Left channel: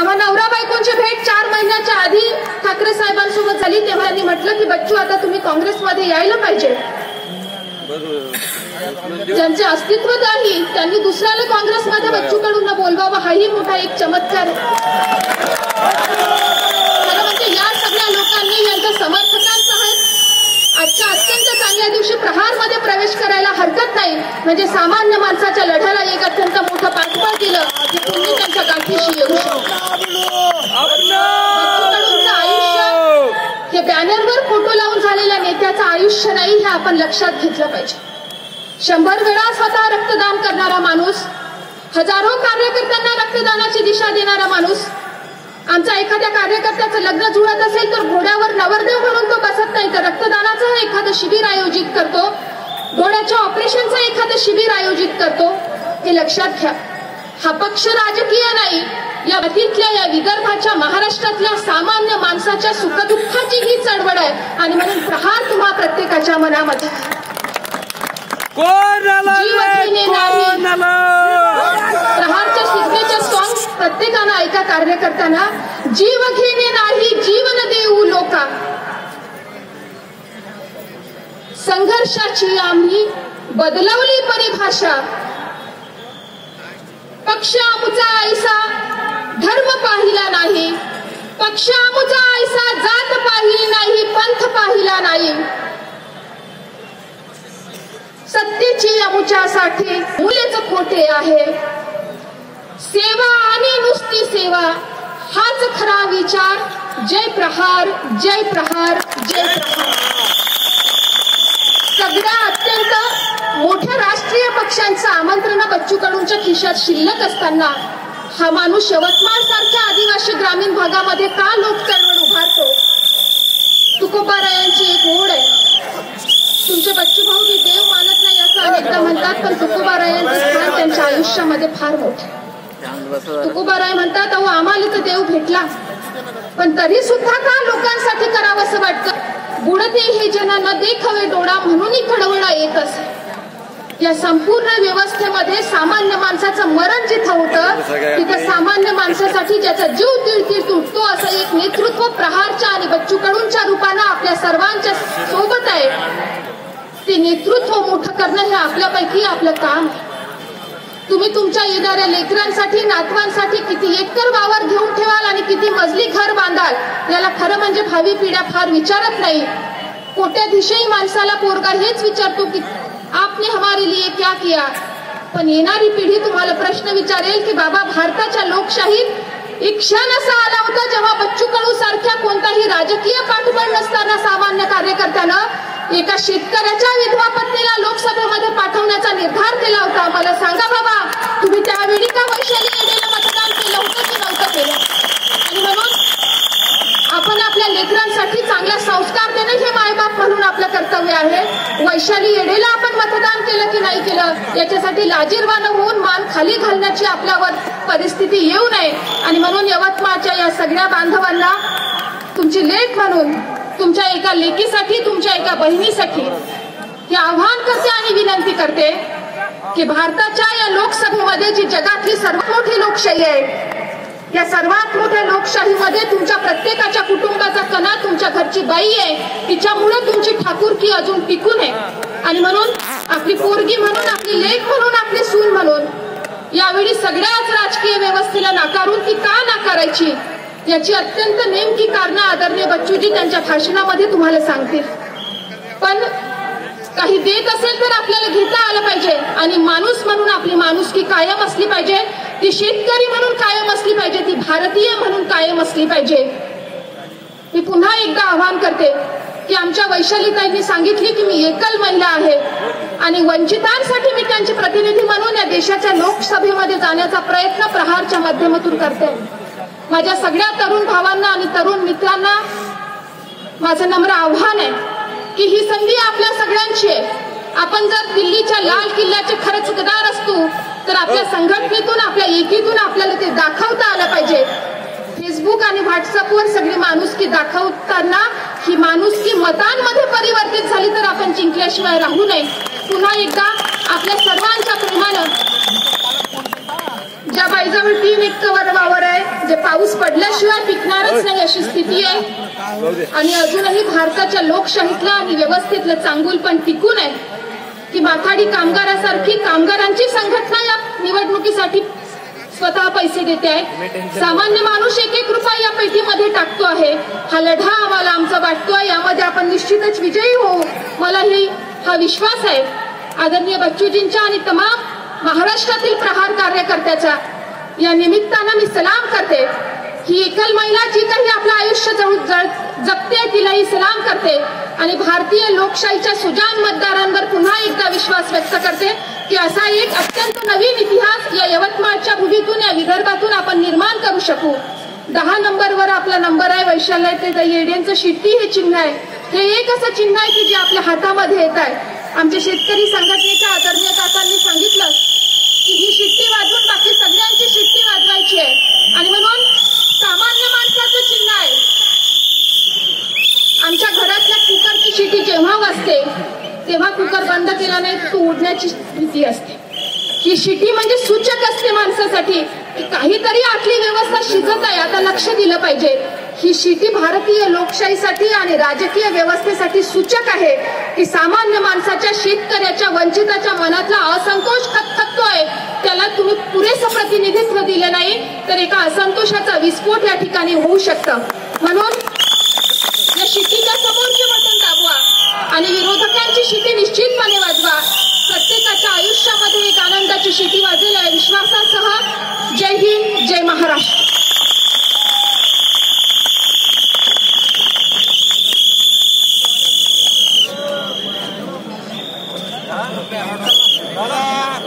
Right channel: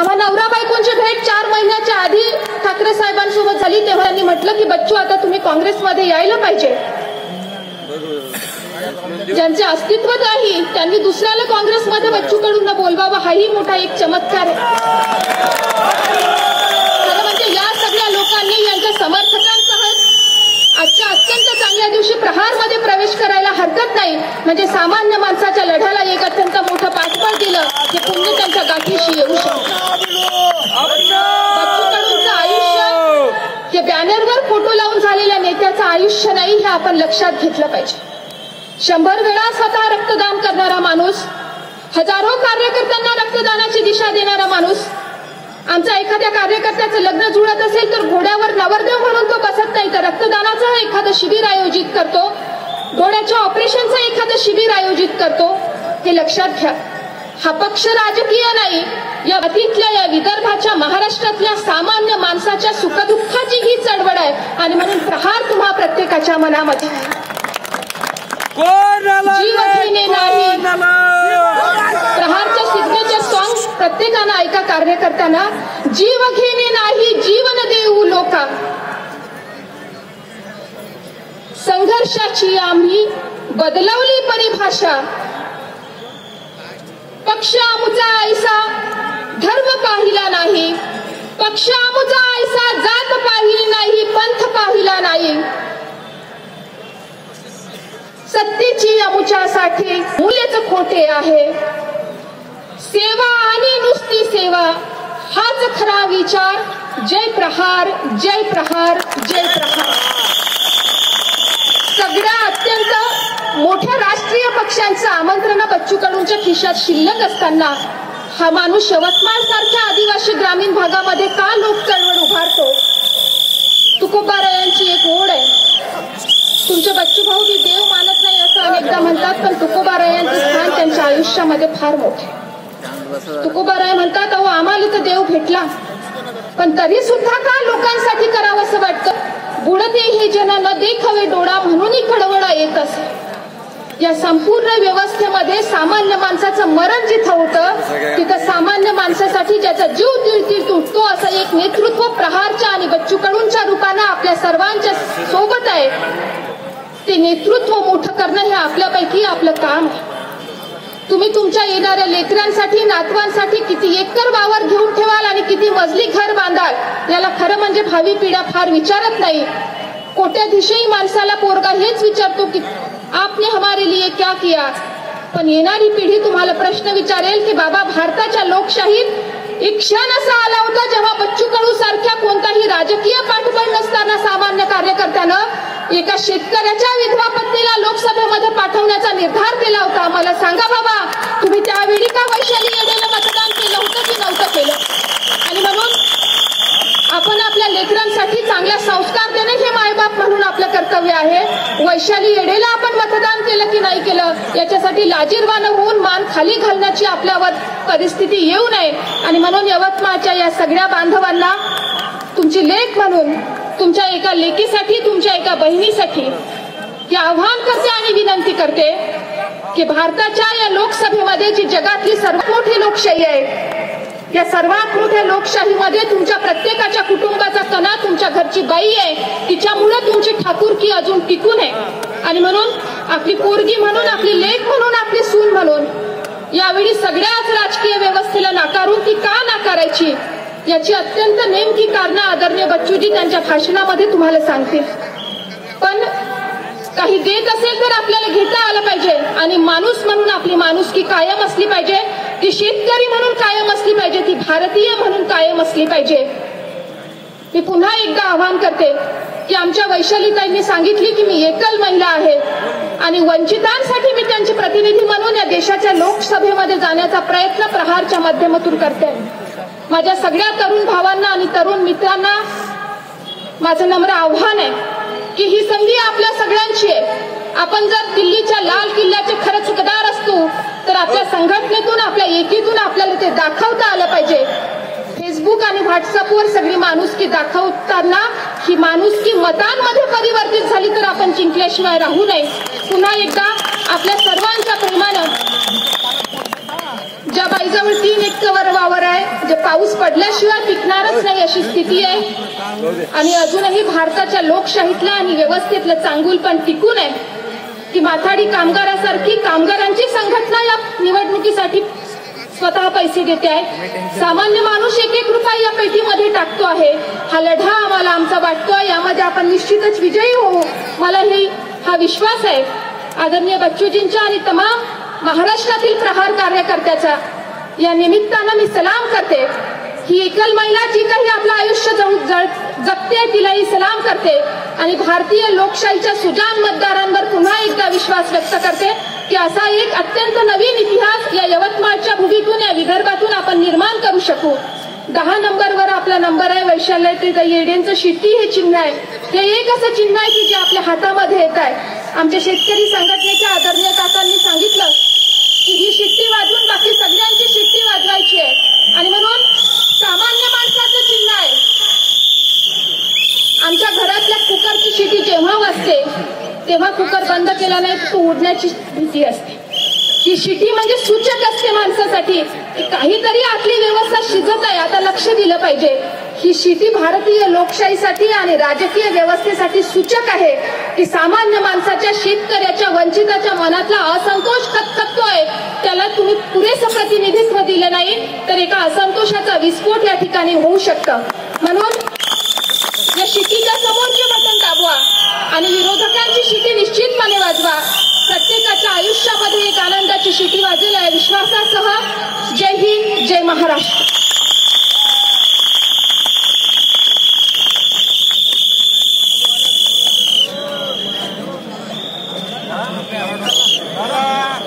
आम्हा नवरा बायकोंची भेट 4 महिन्याच्या आधी ठाकरे साहेबांसोबत झाली तेव्हा त्यांनी म्हटलं की बच्चू आता तुम्ही काँग्रेसमध्ये यायला पाहिजे. ज्यांचे अस्तित्व नाही त्यांनी दुसऱ्याला काँग्रेसमध्ये बच्चूकडून बोलवावं हाही मोठा एक चमत्कार आहे. म्हणजे या सगळ्या लोकांनी यांच्या समर्थकांसह आजच्या अत्यंत चांगल्या दिवशी प्रहारमध्ये प्रवेश करायला हरकत नाही. म्हणजे सामान्य माणसाच्या लढ्याला एक अत्यंत मोठं पाठबळ दिलं हे पुण्य त्यांच्या गाठीशी येऊ शकतं. बच्चूकडूंचं आयुष्य हे बॅनरवर फोटो लावून झालेल्या नेत्याचं आयुष्य नाही हे आपण लक्षात घेतलं पाहिजे. 100 वेळा स्वतः रक्तदान करणारा माणूस, हजारो कार्यकर्त्यांना रक्तदानाची दिशा देणारा माणूस. आमचा एखाद्या कार्यकर्त्याचं लग्न जुळत असेल तर घोड्यावर नवरदेव म्हणून तो बसत नाही तर रक्तदानाचं एखादं शिबिर आयोजित करतो, डोळ्याच्या ऑपरेशनचं एखादं शिबिर आयोजित करतो. हे लक्षात घ्या. हा पक्ष राजकीय नाही. या अतीतल्या या विदर्भाच्या महाराष्ट्रातल्या सामान्य माणसाच्या सुखदुःखाची ही चळवळ आहे आणि म्हणून प्रहार तुम्हा प्रत्येकाच्या मनामध्ये जीवघेणे नाही. प्रहारच्या सिग्नेचर सॉंग प्रत्येकानं ऐका कार्यकर्त्यांना. जीव घेणे नाही जीवन देऊ लोका, संघर्षाची आम्ही बदलवली परिभाषा. पक्ष आमचा ऐसा धर्म पाहिला नाही, पक्ष आमचा ऐसा जात पाहिली नाही, पंथ पाहिला नाही. सत्तेची आमच्यासाठी मूलेच खोटे आहे. सेवा आणि नुसती सेवा हाच खरा विचार. जय प्रहार, जय प्रहार, जय प्रहार. सगळ्या अत्यंत मोठ्या राष्ट्रीय पक्षांचं आमंत्रण बच्चूकडूंच्या खिशात शिल्लक असताना हा माणूस यवतमाळ सारख्या आदिवासी ग्रामीण भागामध्ये का लोक चळवळ उभारतो. तुकोबारायांची एक ओढ आहे. तुमचे बच्चू भाऊ मी देव मानत नाही असं अनेकदा म्हणतात पण तुकोबारायांचं स्थान त्यांच्या आयुष्यामध्ये फार मोठे. तुकोबाराय म्हणतात अहो आम्हाला तर देव भेटला पण तरी सुद्धा का लोकांसाठी करावं असं वाटतं. बुडते हे जन न देखावे डोळा म्हणूनही खडवळा येत असे. या संपूर्ण व्यवस्थेमध्ये सामान्य माणसाचं मरण जिथं होतं तिथं सामान्य माणसासाठी ज्याचा जीव तिळतीळ तुटतो असं एक नेतृत्व प्रहारच्या आणि बच्चूकडूंच्या रूपानं आपल्या सर्वांच्या सोबत आहे. ते नेतृत्व मोठं करणं हे आपल्यापैकी आपलं काम आहे. तुम्ही तुमच्या येणाऱ्या लेकरांसाठी नातवांसाठी किती एकर वावर घेऊन ठेवाल आणि किती मजली घर बांधाल याला खरं म्हणजे भावी पिढ्या फार विचारत नाही. कोट्याधीशही माणसाला पोरगा हेच विचारतो की आपने हमारे लिए क्या किया. पण येणारी पिढी तुम्हाला प्रश्न विचारेल की बाबा भारताच्या लोकशाहीत एक क्षण असा आला होता जेव्हा बच्चू कडू सारख्या कोणताही राजकीय पाठबळ नसताना सामान्य कार्यकर्त्यानं एका शेतकऱ्याच्या विधवा पत्नीला लोकसभेमध्ये पाठवण्याचा निर्धार केला होता. मला सांगा बाबा तुम्ही त्यावेळी का वैशाली येडेला मतदान केलं होतं की नव्हतं केलं. आणि म्हणून आपण आपल्या लेकरांसाठी चांगला संस्कार देणे हे मायबाप म्हणून आपलं कर्तव्य आहे. वैशाली येडेला आपण मतदान केलं की नाही केलं याच्यासाठी लाजीरवाणं होऊन मान खाली घालण्याची आपल्यावर परिस्थिती येऊ नये. आणि म्हणून यवतमाळच्या या सगळ्या बांधवांना तुमची लेक म्हणून तुमच्या एका लेकीसाठी तुमच्या एका बहिणीसाठी हे आव्हान करते आणि विनंती करते की भारताच्या या लोकसभेमध्ये जी जगातली सर्वात मोठी लोकशाही आहे या सर्वात मोठ्या लोकशाहीमध्ये तुमच्या प्रत्येकाच्या कुटुंबाचा कणा तुमच्या घरची बाई आहे. तिच्यामुळे तुमची ठाकूरकी अजून टिकून आहे. आणि म्हणून आपली पोरगी म्हणून आपली लेक म्हणून आपली सून म्हणून यावेळी सगळ्याच राजकीय व्यवस्थेला नाकारून ती का नाकारायची याची अत्यंत नेमकी कारणं आदरणीय बच्चूजी त्यांच्या भाषणामध्ये तुम्हाला सांगतील. पण काही देत असेल तर आपल्याला घेता आलं पाहिजे आणि माणूस म्हणून आपली माणुसकी कायम असली पाहिजे. ती शेतकरी म्हणून कायम असली पाहिजे, ती भारतीय म्हणून कायम असली पाहिजे. मी पुन्हा एकदा आवाहन करते की आमच्या वैशालीताईंनी सांगितली की मी एकल महिला आहे आणि वंचितांसाठी मी त्यांचे प्रतिनिधी म्हणून या देशाच्या लोकसभेमध्ये जाण्याचा प्रयत्न प्रहारच्या माध्यमातून करते. माझ्या सगळ्या तरुण भावांना आणि तरुण मित्रांना माझं नम्र आव्हान आहे की ही संधी आपल्या सगळ्यांची आहे. आपण जर दिल्लीच्या लाल किल्ल्याचे खरं चुकदार असतो तर आपल्या संघटनेतून आपल्या एकीतून आपल्याला ते दाखवता आलं पाहिजे. फेसबुक आणि व्हॉट्सअपवर सगळी माणुसकी दाखवताना ही माणुसकी मतांमध्ये परिवर्तित झाली तर आपण जिंकल्याशिवाय राहू नये. पुन्हा एकदा आपल्या सर्वांच्या प्रेमानं ज्या बाईजवळ 3 एकर वावर आहे जे पाऊस आपल्याशिवाय टिकणारच नाही अशी स्थिती आहे। आणि अजूनही भारताच्या लोकशाहीतलं आणि व्यवस्थेतलं चांगुल पण टिकून आहे की माथाडी कामगारासारखी कामगारांची संघटना या निवडणुकीसाठी स्वतः पैसे देते आहे। सामान्य माणूस 1-1 रुपया या पेटीमध्ये टाकतो आहे। हा लढा आम्हाला आमचा वाटतोय, यामध्ये आपण निश्चितच विजयी होऊ, मलाही हा विश्वास आहे। आदरणीय बच्चूजींच्या आणि तमाम महाराष्ट्रातील प्रहार कार्यकर्त्याच्या या निमित्तानं मी सलाम करते। ही एकल महिला जी काही आपलं आयुष्य जगते तिलाही सलाम करते आणि भारतीय लोकशाहीच्या सुजाण मतदारांवर पुन्हा एकदा विश्वास व्यक्त करते की असा एक अत्यंत नवीन इतिहास या यवतमाळच्या भूमीतून, या विदर्भातून आपण निर्माण करू शकू। 10 नंबरवर आपला नंबर आहे, वैशाल्य ते येड्यांचं शिट्टी हे चिन्ह आहे। हे एक असं चिन्ह आहे की जे आपल्या हातामध्ये येत आहे। आमच्या शेतकरी संघटनेच्या आदरणीय काकांनी सांगितलं की ही शिट्टी वाजवून बाकी सगळ्यांची शिट्टी वाजवायची आहे आणि म्हणून सामान्य माणसाचं चिन्ह आहे। आमच्या घरातल्या कुकरची शिट्टी जेव्हा वाजते तेव्हा कुकर बंद केला नाही तो उडण्याची भीती असते। ही शिटी म्हणजे सूचक असते माणसासाठी, काहीतरी आतली व्यवस्था शिजत आहे, आता लक्ष दिलं पाहिजे। ही शिटी भारतीय लोकशाहीसाठी आणि राजकीय व्यवस्थेसाठी सूचक आहे की सामान्य माणसाच्या, शेतकऱ्याच्या, वंचिताच्या मनातला असंतोष खतखततोय, त्याला तुम्ही पुरेसं प्रतिनिधित्व दिलं नाही तर एका असंतोषाचा विस्फोट या ठिकाणी होऊ शकतं। म्हणून या शिटीच्या समोरचे बटन दाबवा आणि विरोधकांची शिटी निश्चितपणे वाजवा। प्रत्येकाच्या आयुष्यामध्ये एक आनंदाची शिटी वाजेल या विश्वासासह जय हिंद, जय महाराष्ट्र।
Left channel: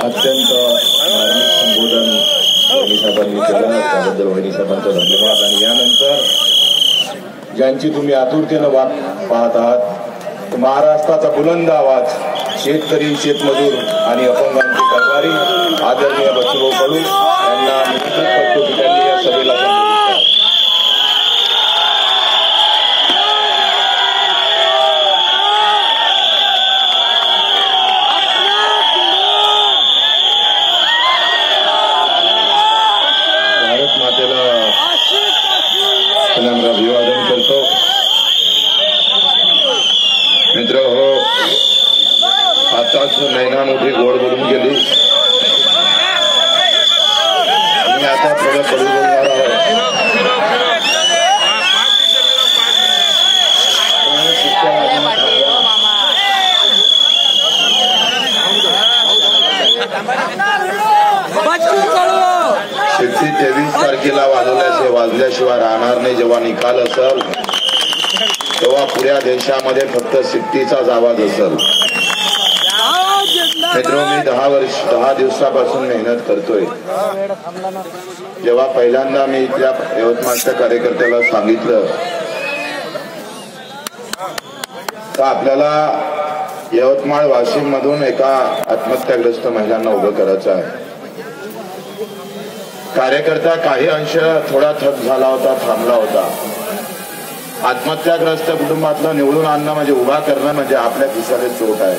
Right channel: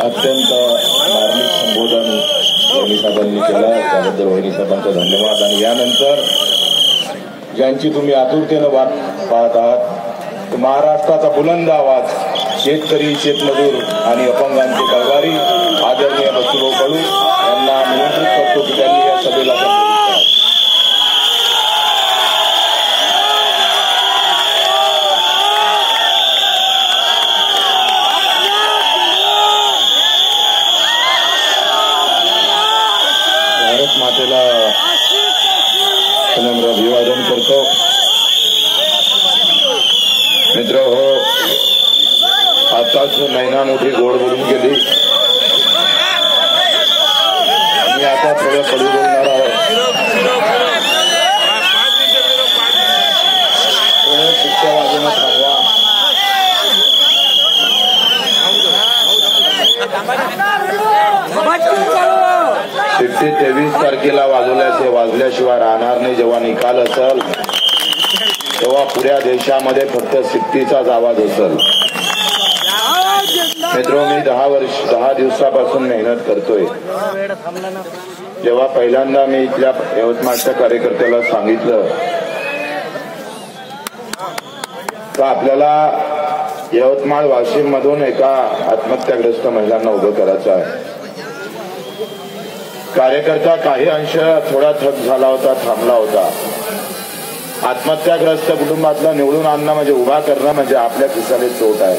अत्यंत धार्मिक संबोधन वहिनी साहेबांनी केलं, त्याबद्दल वहिनी साहेबांचा धन्यवाद। आणि यानंतर ज्यांची तुम्ही आतुरतेनं वाट पाहत आहात, महाराष्ट्राचा बुलंद आवाज, शेतकरी, शेतमजूर आणि अपंगांचे कळवारी आदरणीय बच्चूभाऊ कडू यांना निमंत्रित करतो की त्यांनी या सभेला भारत मातेला नम्र अभिवादन करतो। मित्र हो, आताच नैना मोठी गोड बोलून गेली, मी आता थोडं कडू बोलणार आहे। शिक्षा वाजवणं थांबवा। 23 तारखेला वाजल्याशिवाय राहणार नाही। जेव्हा निकाल असेल तेव्हा पुऱ्या देशामध्ये फक्त शिट्टीचाच आवाज असेल। मित्र, मी 10 दिवसापासून मेहनत करतोय। जेव्हा पहिल्यांदा मी इथल्या यवतमाळच्या कार्यकर्त्याला सांगितलं तर आपल्याला यवतमाळ वाशिम मधून एका आत्महत्याग्रस्त महिलांना उभं करायचं आहे। कार्यकर्ता काही अंश थोडा थक झाला होता, थांबला होता। आत्महत्याग्रस्त कुटुंबातला निवडून आणणं म्हणजे, उभा करणं म्हणजे आपल्या खिशाला चोट आहे।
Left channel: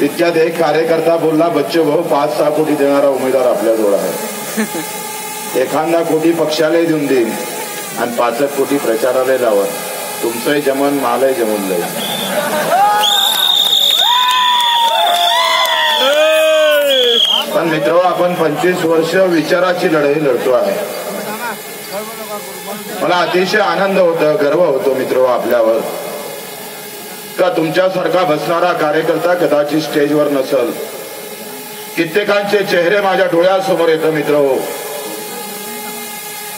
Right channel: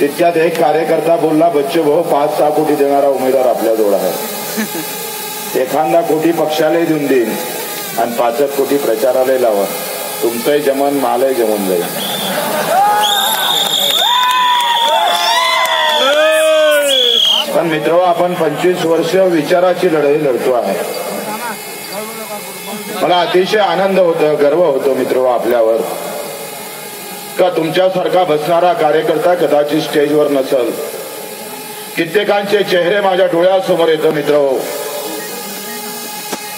तितक्यात एक कार्यकर्ता बोलला, बच्चे भाऊ 5-6 कोटी देणारा उमेदवार आपल्याजवळ आहे, एखादा कोटी पक्षालाही देऊन देईन आणि 5 कोटी प्रचाराला लावा, तुमचंही जमन, मालही जमून जाईल। पण मित्र, आपण 25 वर्ष विचाराची लढाई लढतो आहे। मला अतिशय आनंद होतो, गर्व होतो मित्र आपल्यावर, का तुमच्यासारखा बसणारा कार्यकर्ता कदाचित स्टेजवर नसेल। कित्येकांचे चेहरे माझ्या डोळ्यासमोर येतो मित्र हो,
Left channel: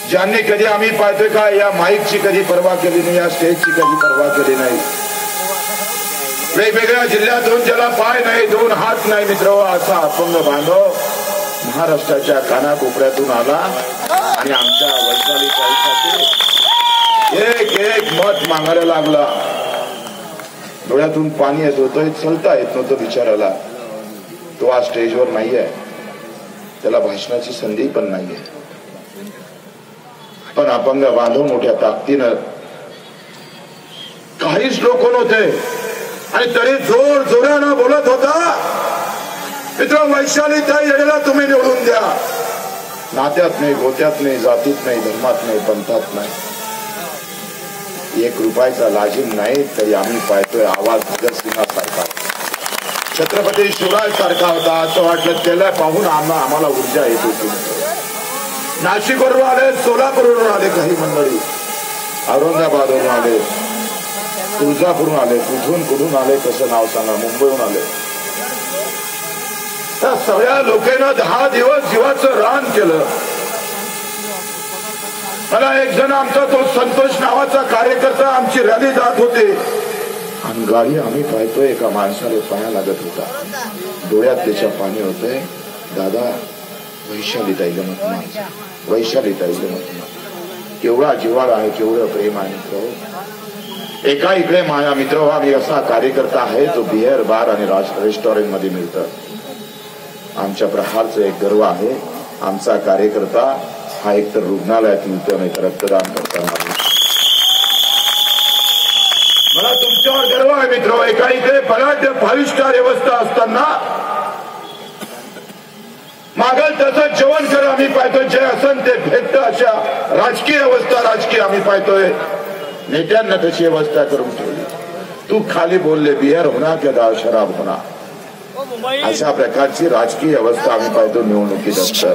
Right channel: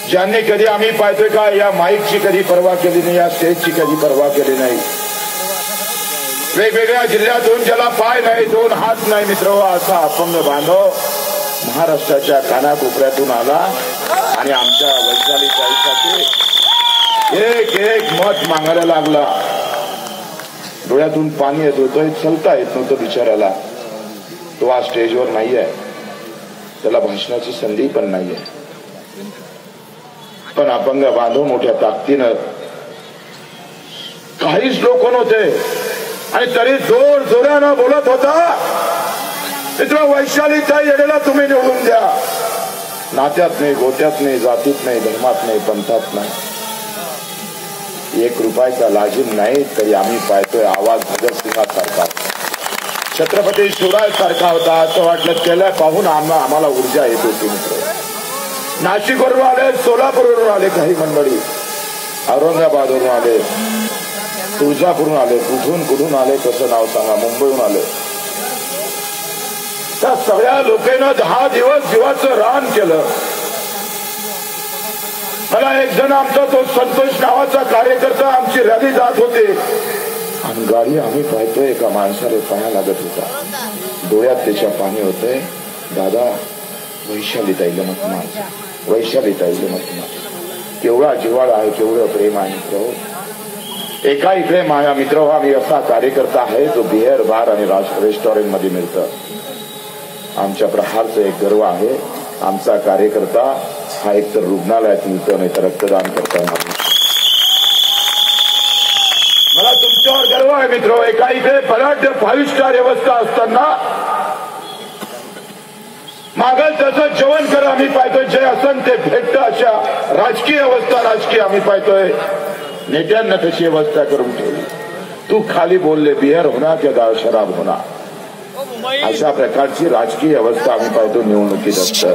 ज्यांनी कधी आम्ही पाहतोय का या माईकची कधी पर्वा केली नाही, या स्टेजची कधी पर्वा केली नाही। वेगवेगळ्या जिल्ह्यातून ज्याला पाय नाही, 2 हात नाही मित्र, असा अपंग बांधव महाराष्ट्राच्या कानाकोपऱ्यातून आला आणि आमच्या वैशाली ताईसाठी एक मत मागायला लागला। डोळ्यातून पाणी येत होतं, चलता येत नव्हतं बिचाराला। तो आज स्टेजवर नाहीये, त्याला भाषणाची संधी पण नाहीये, पण अपंग बांधव मोठ्या ताकदीनं काहीच लोक नव्हते आणि तरी जोर जोरानं बोलत होता, मित्र वैशाली ताई येडेला तुम्ही निवडून द्या, नात्यात नाही, गोत्यात नाही, जातीत नाही, धर्मात नाही, पंथात नाही. 1 रुपयाचा लाजीम नाही तरी आम्ही पाहतोय आवाज भगतसिंगासारखा, छत्रपती शिवरायांसारखा होता. असं वाटलं त्याला पाहून आम्हाला ऊर्जा येत होती. नाशिकवरून आले, सोलापूरवरून आले, काही मंडळी औरंगाबादवरून आले, तुळजापूरहून आले, कुठून आले कसं नाव सांगा, मुंबईहून आले. त्या सगळ्या लोकांना 10 दिवस जीवाचं रान केलं. मला एक जण आमचा तो संतोष नावाचा कार्यकर्ता आमची रॅली जात होते आणि गाडी आम्ही पाहतोय एका माणसाला पाया लागत होता, डोळ्यात त्याच्या पाणी होतंय. दादा वैशालीताईला नको, वैशालीताईला नको. केवढा जिव्हाळा आहे, केवढं प्रेम आहे मित्र. एका इकडे माझा मित्र आम्ही असा कार्यकर्ता आहे जो बिअर बार आणि रेस्टॉरंटमध्ये मिळतं. आमच्या प्रहारचं एक गर्व आहे, आमचा कार्यकर्ता हा एक तर रुग्णालयात मिळतो नाही तर रक्तदान करता येणार. मला तुमच्यावर गर्व आहे मित्र. एका इकडे बलाढ्य 5 स्टार व्यवस्था असताना मागल त्याचं जेवण करा आम्ही पाहतोय, जे असन ते भेटतं. अशा राजकीय व्यवस्था आम्ही पाहतोय. नेत्यांना तशी व्यवस्था करून ठेवली. तू खाली बोलले बिअर होणार किंवा शराब होणार, अशा प्रकारची राजकीय व्यवस्था आम्ही पाहतो निवडणुकीत असतं.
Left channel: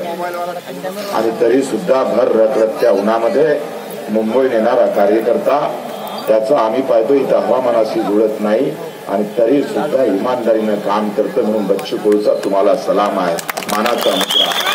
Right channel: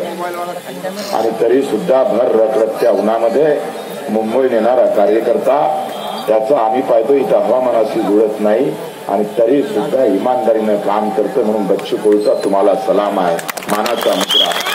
आणि तरी सुद्धा भर रखरखत्या उन्हामध्ये मुंबई नेणारा कार्यकर्ता त्याचा आम्ही पाहतो इथं हवामानाशी जुळत नाही आणि तरी सुद्धा इमानदारीनं काम करतं. म्हणून बच्चू कडूचा तुम्हाला सलाम आहे, मानाचा मित्र आहे.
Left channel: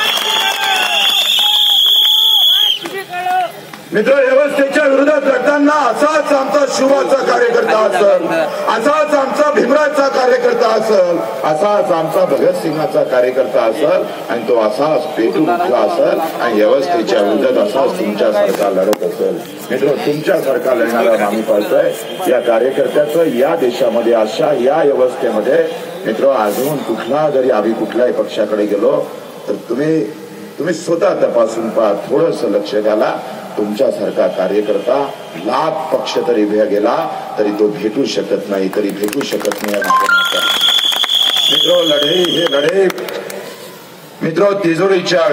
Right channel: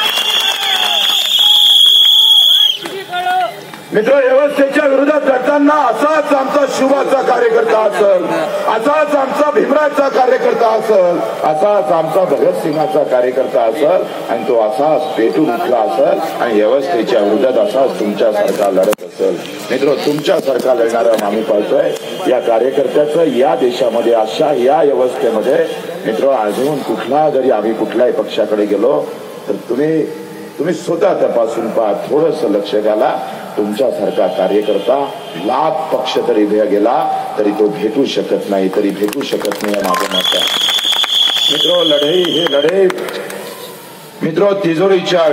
मित्र, व्यवस्थेच्या विरोधात लढताना असाच आमचा शिवाचा कार्यकर्ता असेल, असाच आमचा भीमराजचा कार्यकर्ता असेल, असाच आमचा भगतसिंगाचा कार्यकर्ता असेल आणि तो असाच पेटून उठला असेल आणि व्यवस्थेच्या विरोधात असाच तुमच्यासारखा लढत असेल. मित्र, तुमच्यासारखा लढणारा आम्ही पाहतोय. या कार्यकर्त्याचं या देशामध्ये अशा या व्यवस्थेमध्ये मित्र अजून कुठला जरी आम्ही कुठल्याही पक्षाकडे गेलो तर तुम्ही स्वतः तपासून पहा, थोडंसं लक्ष द्याला. तुमच्यासारखा कार्यकर्ता लाभ पक्ष तरी गेला तरी तो भेटू शकत नाही मित्र. लढाई हे लढाई मित्र तिजोरीच्या